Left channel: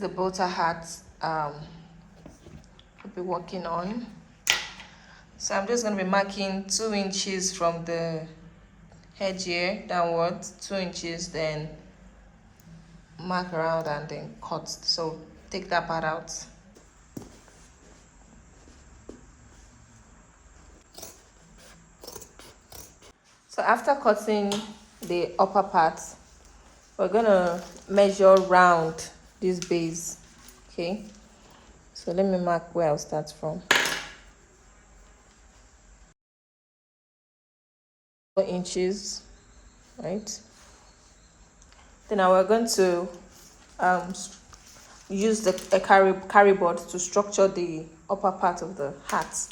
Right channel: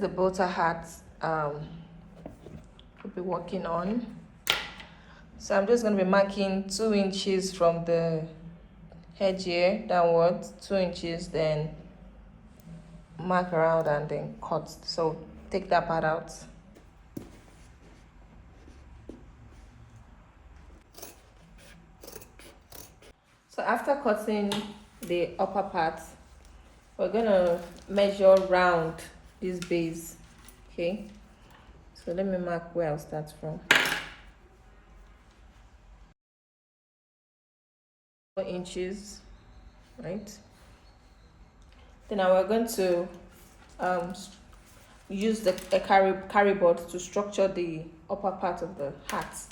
the bow tie hat we'll be working on. So I'm just going to be marking 2 inches from the edge here downwards, 2 inches, then mark around and then cut. So take that part out. So after cutting the upper part, we're gonna measure round this base. Okay, so let me mark where I'll start from. 4 inches, right? Then now we're going to use a carry board to structure the upper part of the hat.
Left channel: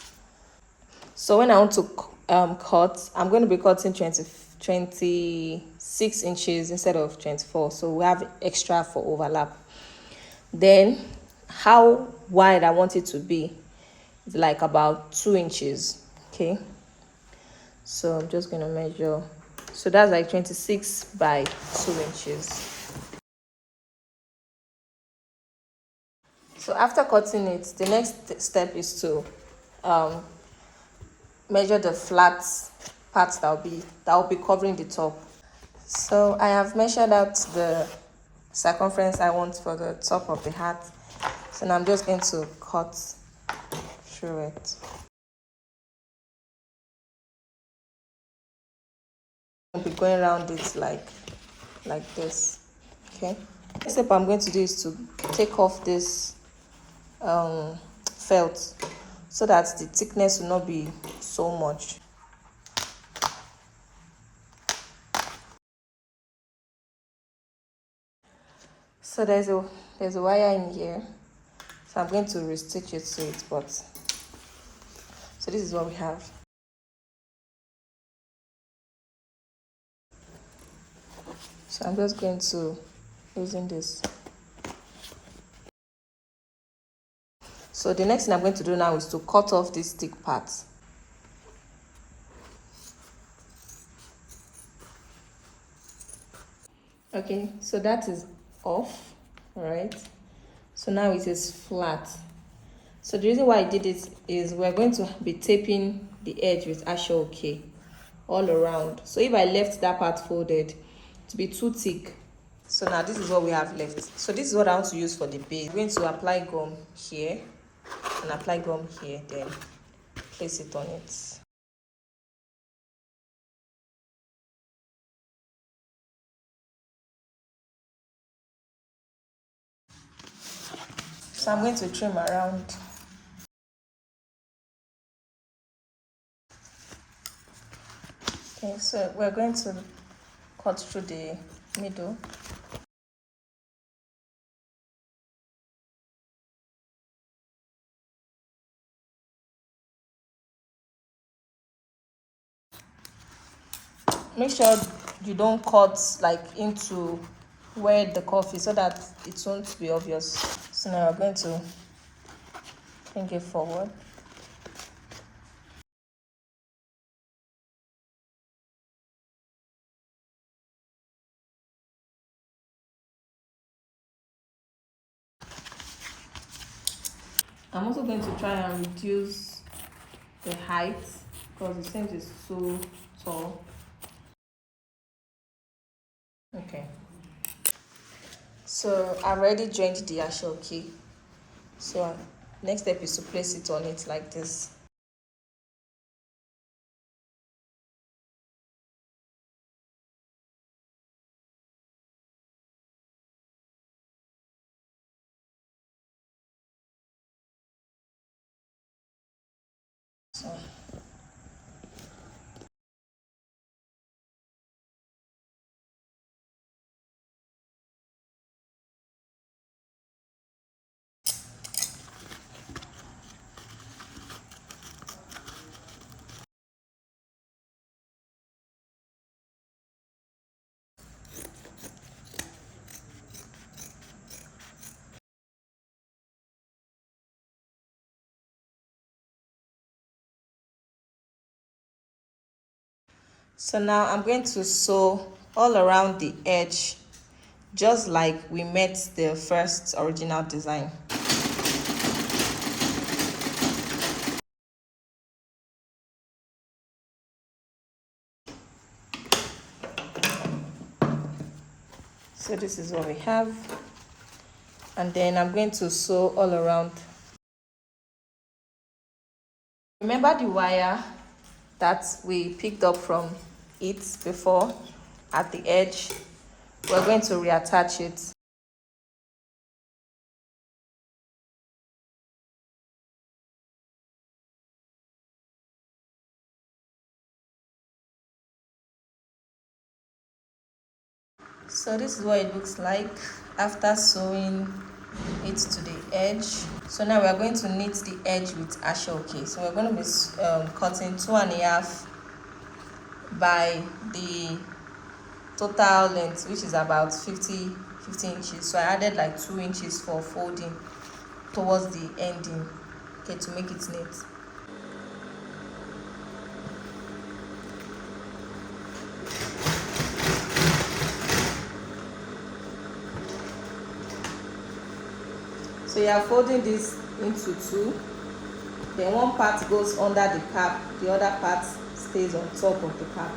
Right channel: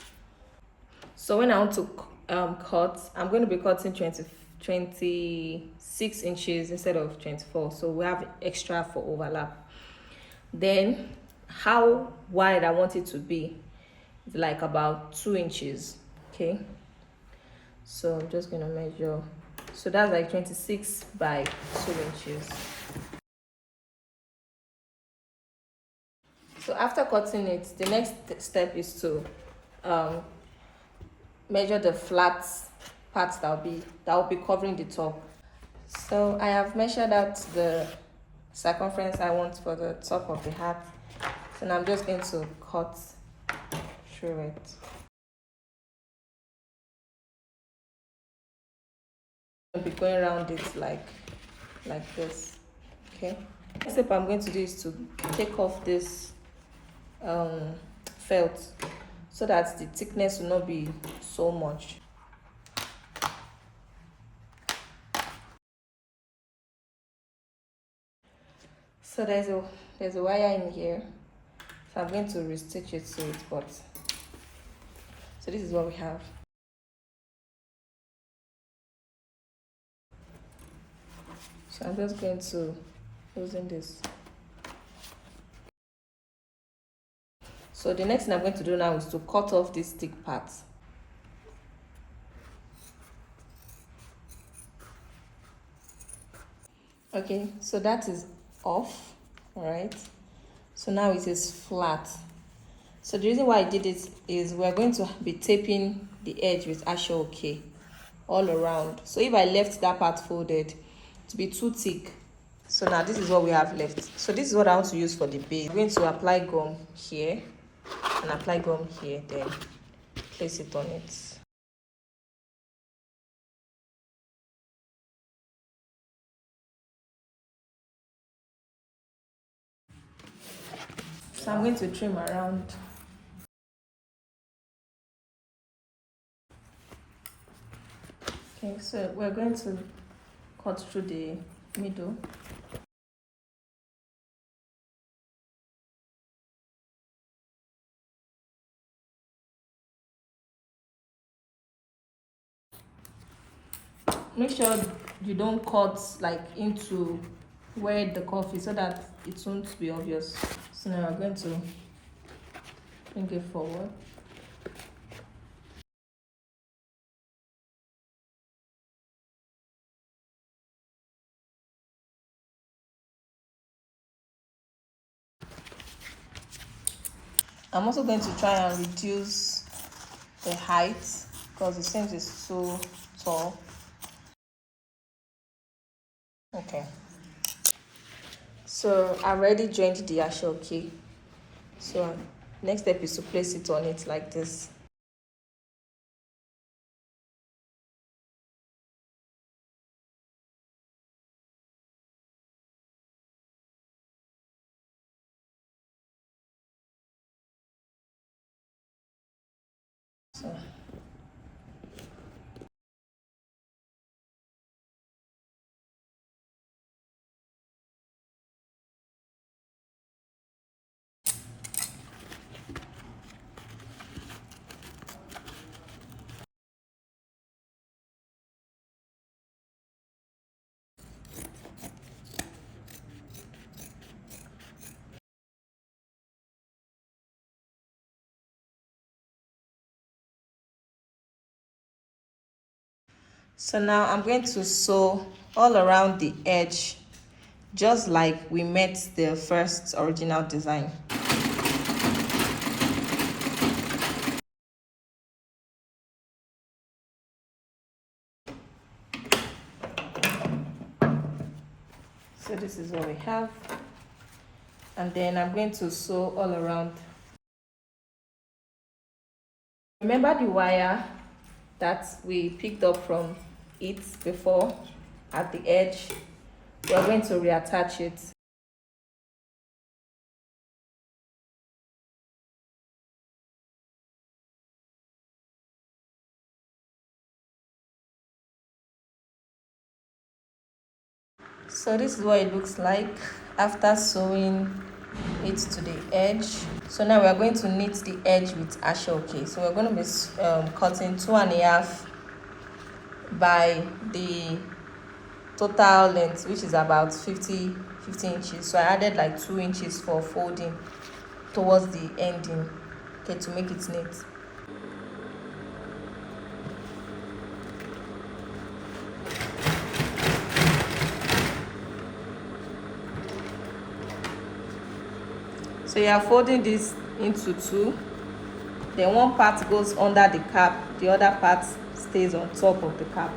So when I want to cut, I'm going to be cutting 26 inches instead of 24, so we have extra for overlap. Then how wide I want it to be is like about 2 inches. Okay, so I'm just going to measure. So that's like 26 by 2 inches. So after cutting it, the next step is to measure the flat parts that will be covering the top. So I have measured out the circumference I want for the top of the hat. So now I'm just going to cut through it. I'll be going around it like this. Okay. Next step I'm going to do is to take off this felt so that the thickness will not be so much. So there's a wire in here, so I'm going to restitch it to it, but so this is what we have. So I'm just going to loosen this. So the next thing I'm going to do now is to cut off this thick part. Okay, so that is off. All right, so now it is flat. So the reason why I did it is we're going to be taping the edge with AFRICAN-ANKARA-ASOOKE all around. So if I left that part folded to be too thick, so now this is what we have left. So this is what I want to use for the base. I'm going to apply gum here and apply gum here, then place it on it. So I'm going to trim around. Okay, so we're going to cut through the middle. Make sure you don't cut like into where the cuff is so that it won't be obvious. So now we're going to bring it forward. I'm also going to try and reduce the height because it seems it's so tall. Okay. So I've already joined the AFRICAN-ANKARA-ASOOKE. So next step is to place it on it like this. So So now I'm going to sew all around the edge just like we met the first original design. So this is what we have, and then I'm going to sew all around. Remember the wire that we picked up from it before at the edge? We're going to reattach it. So this is what it looks like after sewing it to the edge. So now we are going to knit the edge with ASOOKE. So we're going to be cutting 2.5 by the total length, which is about 50 inches. So I added like 2 inches for folding towards the ending, okay, to make it neat. So you are folding this into two, then one part goes under the cap, the other part stays on top of the cap.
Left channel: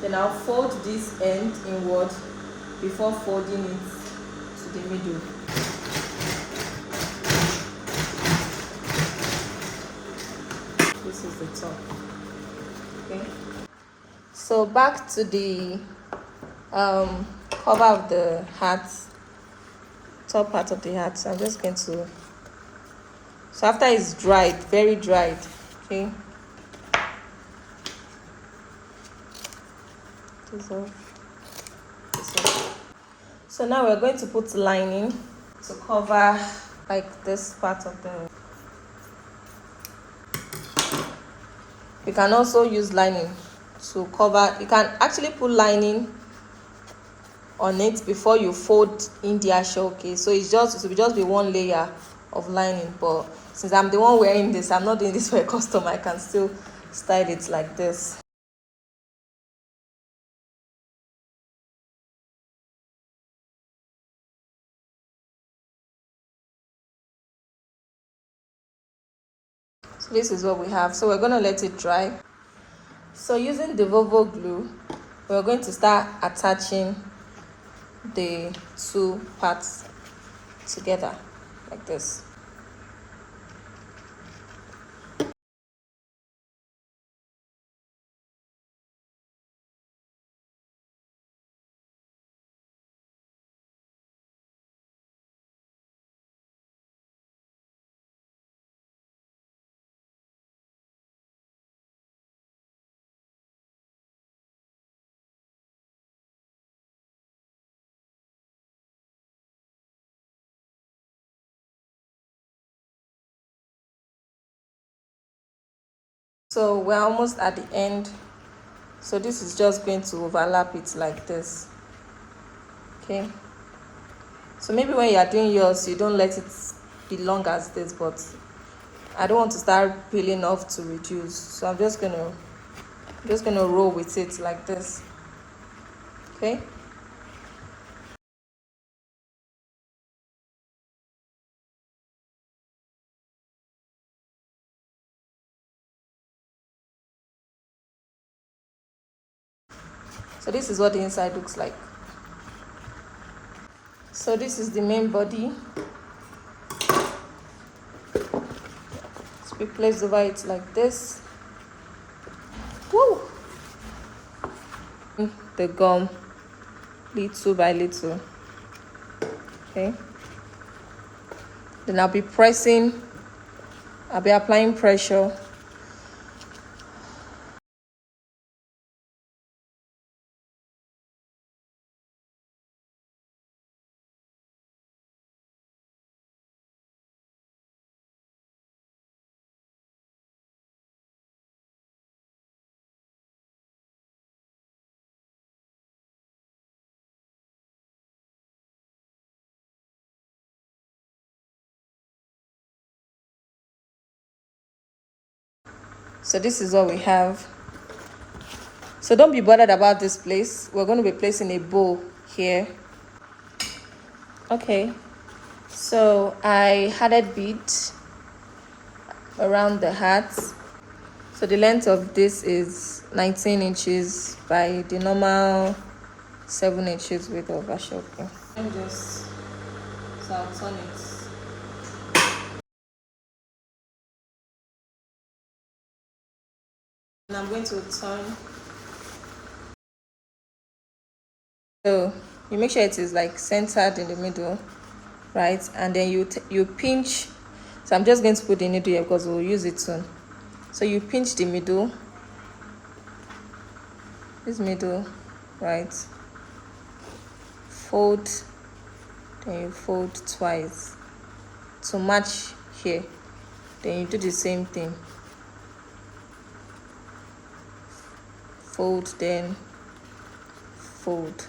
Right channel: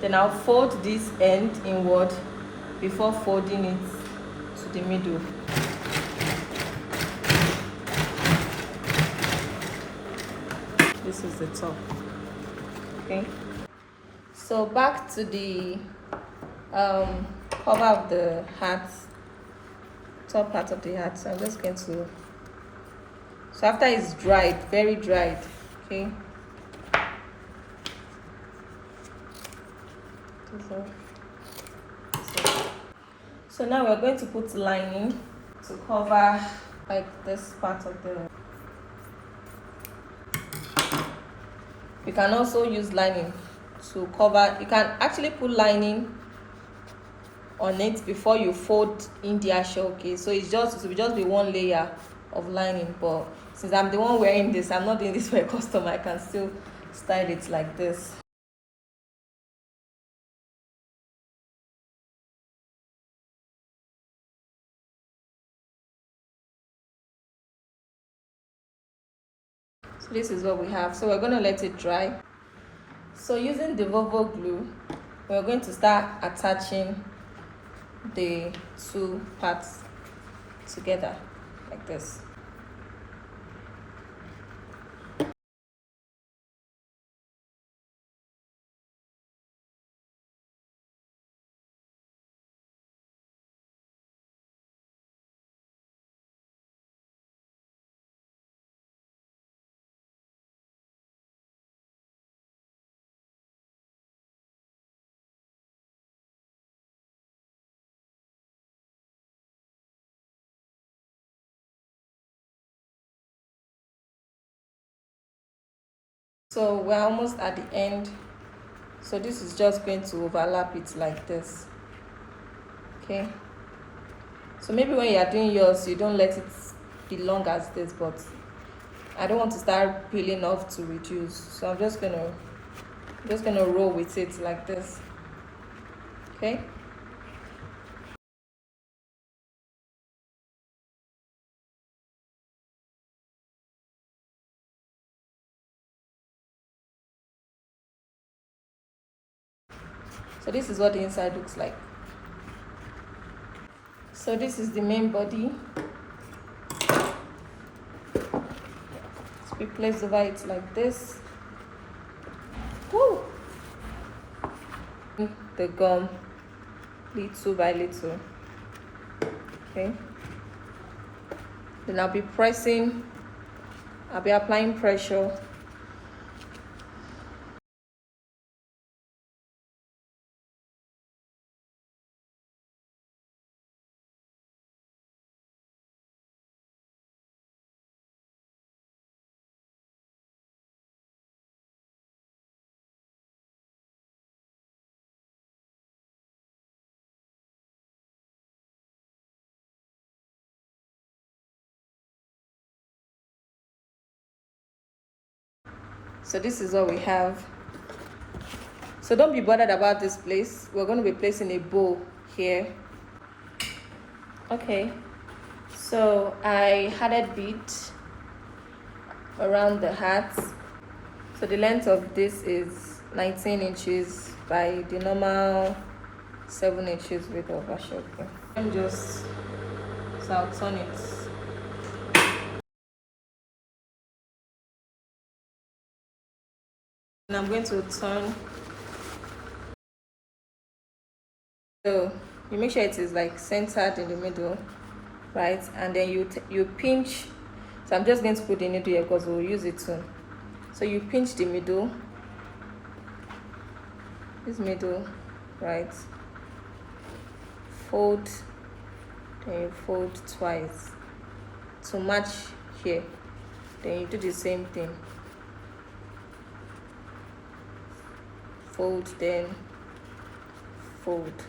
Then I'll fold this end inward before folding it to the middle. This is the top. Okay. So back to the cover of the hat, top part of the hat. So I'm just going to. So after it's dried, very dried, okay. So now we're going to put lining to cover like this part of the. You can also use lining to cover. You can actually put lining on it before you fold in the ASOOKE. So it will just be one layer of lining. But since I'm the one wearing this, I'm not doing this for a customer. I can still style it like this. So this is what we have. So we're going to let it dry. So using the Volvo glue, we're going to start attaching the two parts together like this. So we're almost at the end. So this is just going to overlap it like this. Okay. So maybe when you are doing yours, you don't let it be long as this, but I don't want to start peeling off to reduce. So I'm just gonna roll with it like this. Okay. So this is what the inside looks like. So this is the main body. So we place over it like this. Woo! The gum little by little. Okay. Then I'll be applying pressure. So this is what we have. So don't be bothered about this place. We're going to be placing a bow here. Okay, so I added bead around the heart. So the length of this is 19 inches by the normal 7 inches width of ASOOKE. I'm just, so I'll turn it. And I'm going to turn. So you make sure it is like centered in the middle, right? And then you pinch. So I'm just going to put the needle here because we'll use it soon. So you pinch the middle, this middle, right? Fold, then you fold twice to match here. Then you do the same thing. Fold, then fold.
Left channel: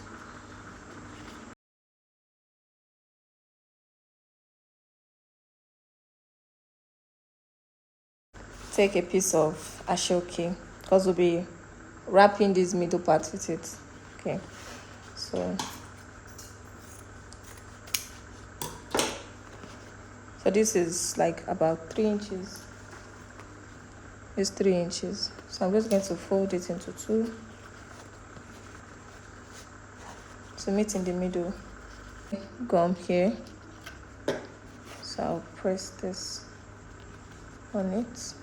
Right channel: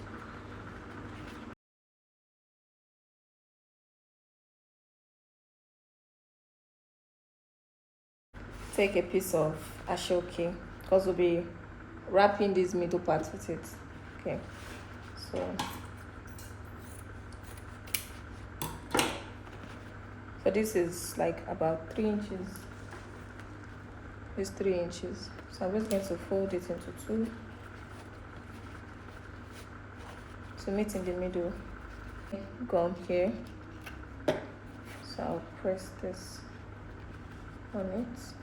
Take a piece of ASOOKE because we'll be wrapping this middle part with it. Okay, so this is like about 3 inches. It's 3 inches. So I'm just going to fold it into two to meet in the middle. Gum here. So I'll press this on it.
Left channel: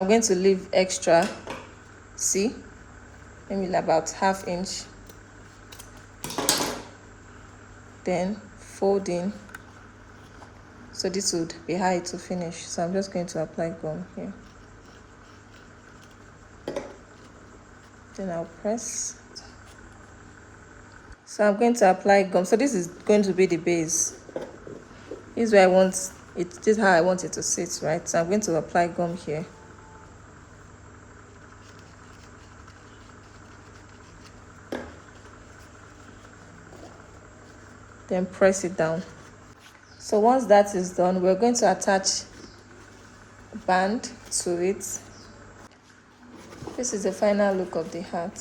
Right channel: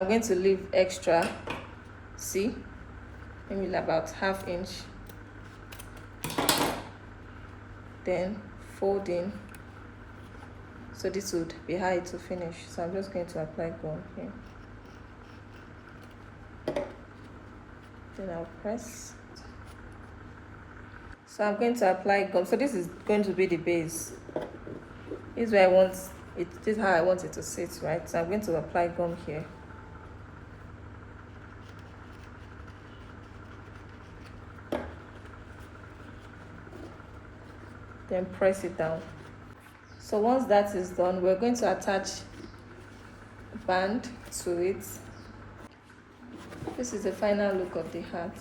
I'm going to leave extra, see, maybe about ½ inch. Then fold in. So this would be how it will finish. So I'm just going to apply gum here. Then I'll press. So I'm going to apply gum. So this is going to be the base. This is where I want it. This is how I want it to sit, right? So I'm going to apply gum here. Then press it down. So once that is done, we're going to attach a band to it. This is the final look of the heart.